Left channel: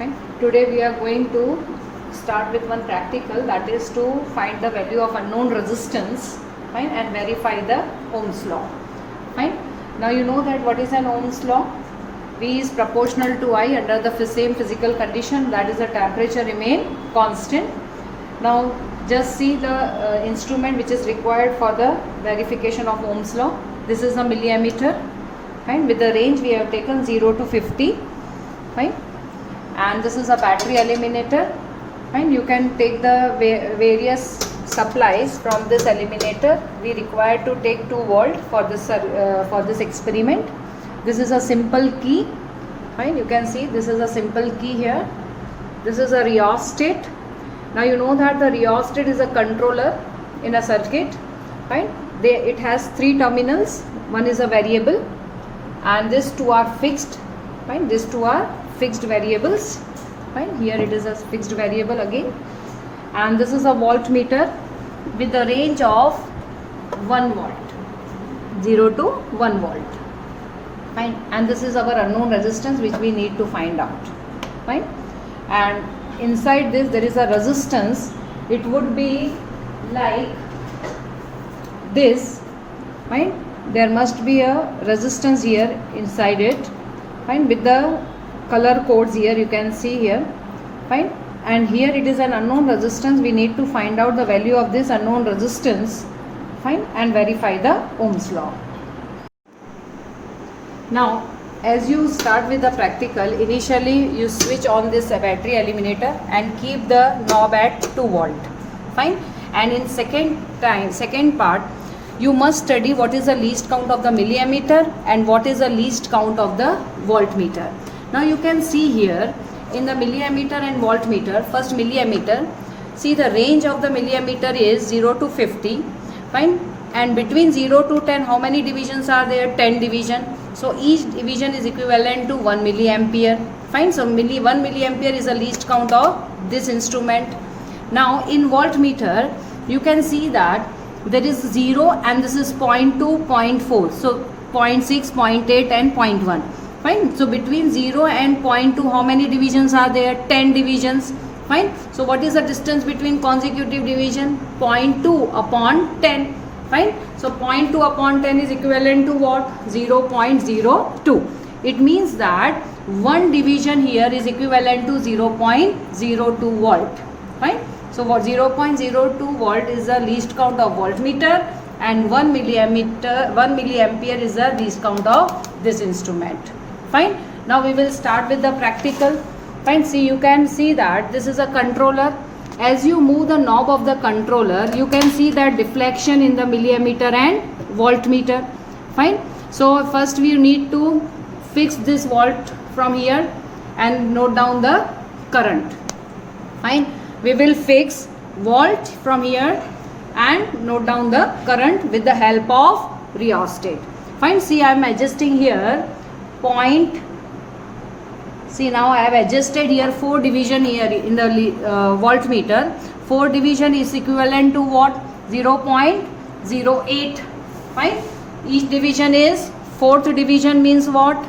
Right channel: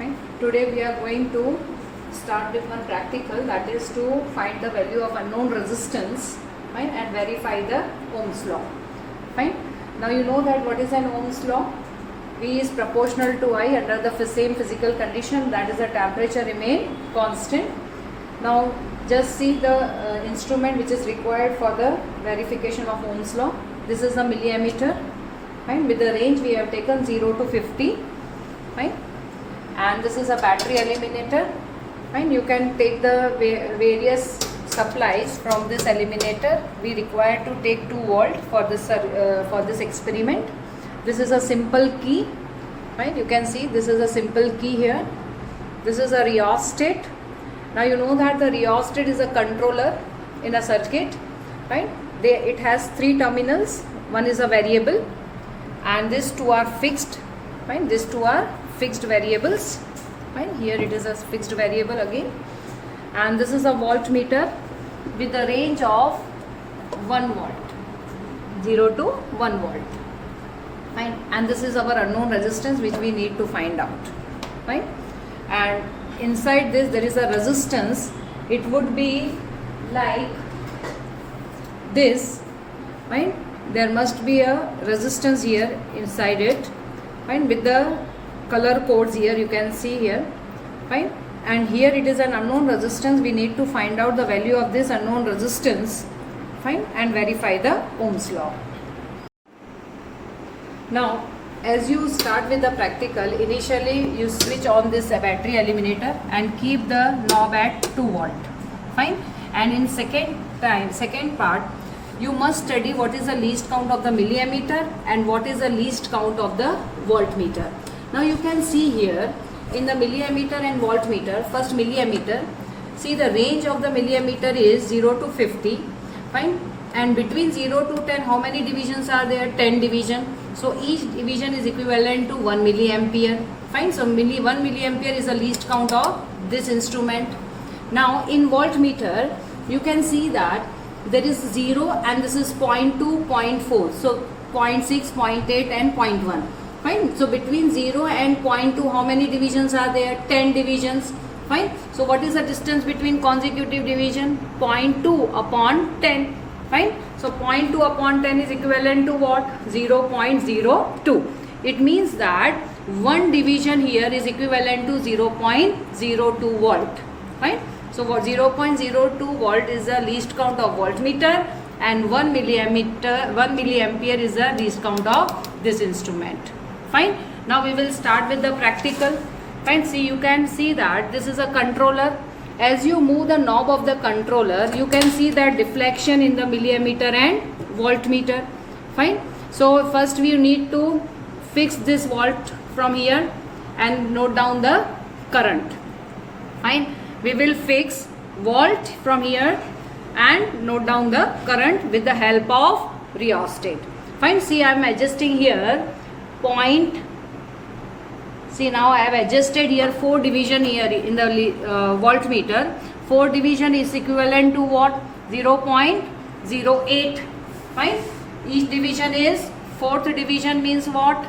Fine. Today we are going to start with one practical, that is to find the value of unknown resistance, fine, and verify the Ohm's law. Fine. Now you know that what is an Ohm's law? V is proportional to I under the same physical condition, that is the temperature remain constant. Now just see the instrument which is required for the verification of Ohm's law. This is a milliammeter, fine, with the range we have taken 0 to 50, fine, and this is a battery eliminator, fine. You can take the various supplies from this eliminator. We require to take 2 volt for this experiment. This is a simple key, fine. You can see this is a simple key here. This is a rheostat. Now you know that the rheostat is a controller in a circuit, fine. It has 3 terminals. One is a variable, and these 2 are fixed, fine. These 2 are fixed variables, fine. Here it is a fixed variable again, and this is a voltmeter with a range of 1 volt, 0 to 1 volt, fine. And this is our unknown resistance which we need to find out, fine. And inside this there is a resistance. It would be like this, fine. There must be a resistance here inside it, fine, with the color codes here you can see here, fine. And here it is an unknown resistance. We need to find out the value of this unknown resistance, fine, and verify the Ohm's law. Now as you start with the practical, initially you switch on this battery eliminator and keep the knob at 2 volt, fine. And in second part, you must study what is the least count of the milliammeter and what is the least count of the voltmeter. Now you can see here in the milliammeter and voltmeter, first milliammeter, see the range of the milliammeter is 0 to 50, fine. And between 0 to 10, how many divisions are there? 10 division. So each division is equivalent to 1 milliampere, fine. So 1 milliampere is the least count of this instrument. Now in voltmeter, you can see that there is 0 and this is 0.2, 0.4. So 0.6, 0.8 and 0.1. Fine. So between 0 and 0.2, how many divisions are there? 10 divisions. Fine. So what is the distance between consecutive division? 0.2 upon 10. Fine. So 0.2 upon 10 is equivalent to what? 0.02. It means that one division here is equivalent to 0.02 volt. Fine. So what 0.02 volt is the least count of voltmeter, and 1 milliampere is the least count of this instrument. Fine. Now we will start with the practical. Fine. See, you can see that this is a controller. As you move the knob of the controller, you can see that deflection in the milliammeter and voltmeter. Fine. So first we need to fix this volt from here and note down the current. Fine. We will fix volt from here and note down the current with the help of rheostat. Fine. See, I am adjusting here point. See, now I have adjusted here 4 division here in the voltmeter. 4 division is equivalent to what? 0.08. Fine. Each division is, 4th division means what?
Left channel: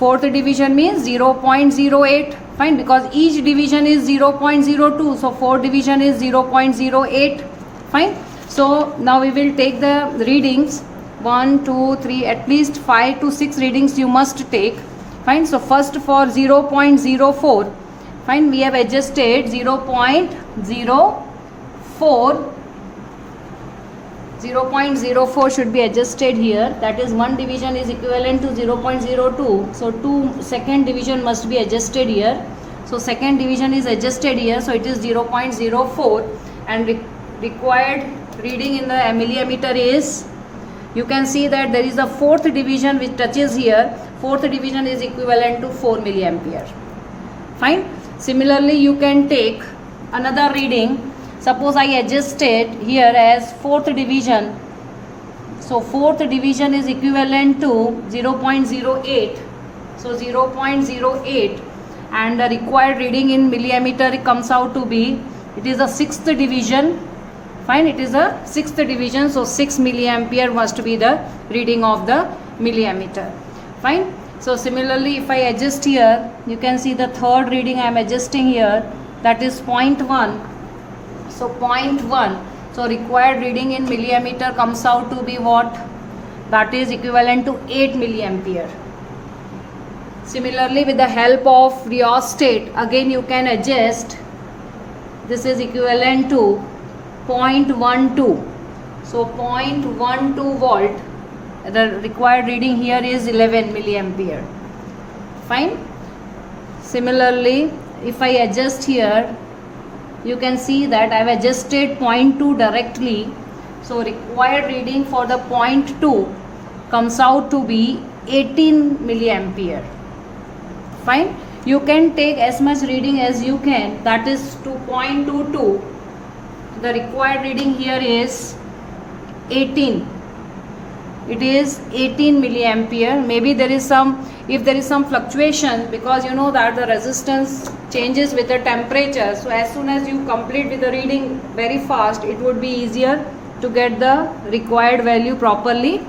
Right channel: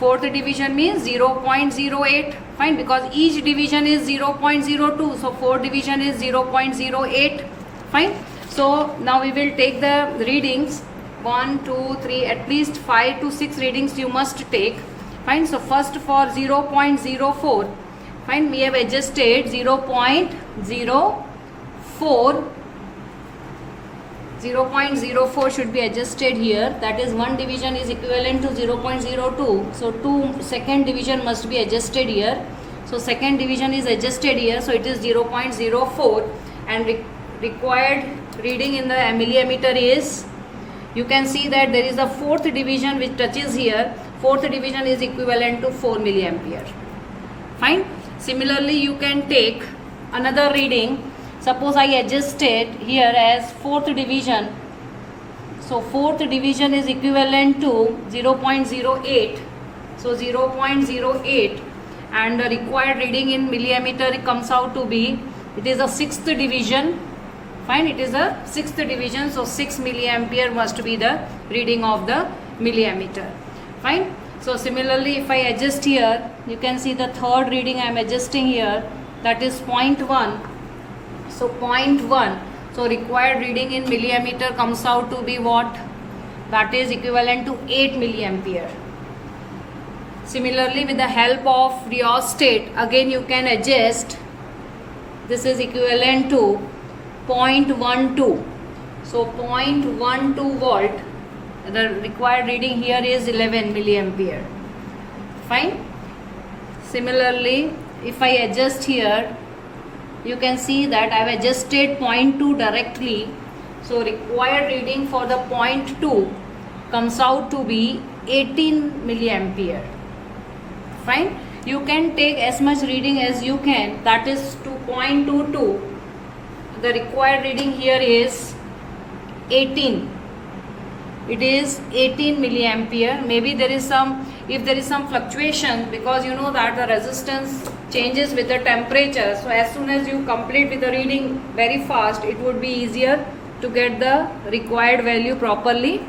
4th division means 0.08. Fine, because each division is 0.02. So 4 division is 0.08. Fine. So now we will take the readings. 1, 2, 3, at least 5 to 6 readings you must take. Fine. So first for 0.04, fine, we have adjusted 0.04. 0.04 should be adjusted here. That is, one division is equivalent to 0.02. So second division must be adjusted here. So second division is adjusted here. So it is 0.04, and required reading in the milliammeter is, you can see that there is the 4th division which touches here. 4th division is equivalent to 4 milliampere. Fine. Similarly, you can take another reading. Suppose I adjusted here as 4th division. So 4th division is equivalent to 0.08. So 0.08, and the required reading in milliammeter comes out to be, it is a 6th division. Fine, it is a 6th division. So 6 milliampere must be the reading of the milliammeter. Fine. So similarly, if I adjust here, you can see the third reading I am adjusting here, that is 0.1. So 0.1, so required reading in milliammeter comes out to be what? That is equivalent to 8 milliampere. Similarly, with the help of rheostat, again you can adjust. This is equivalent to 0.12. So 0.12 volt. The required reading here is 11 milliampere. Fine. Similarly, if I adjust here, you can see that I have adjusted 0.2 directly. So required reading for the 0.2 comes out to be 18 milliampere. Fine. You can take as much reading as you can, that is 2.22. The required reading here is 18. It is 18 milliampere. Maybe there is some, if there is some fluctuation, because you know that the resistance changes with the temperature. So as soon as you complete with the reading very fast, it would be easier to get the required value properly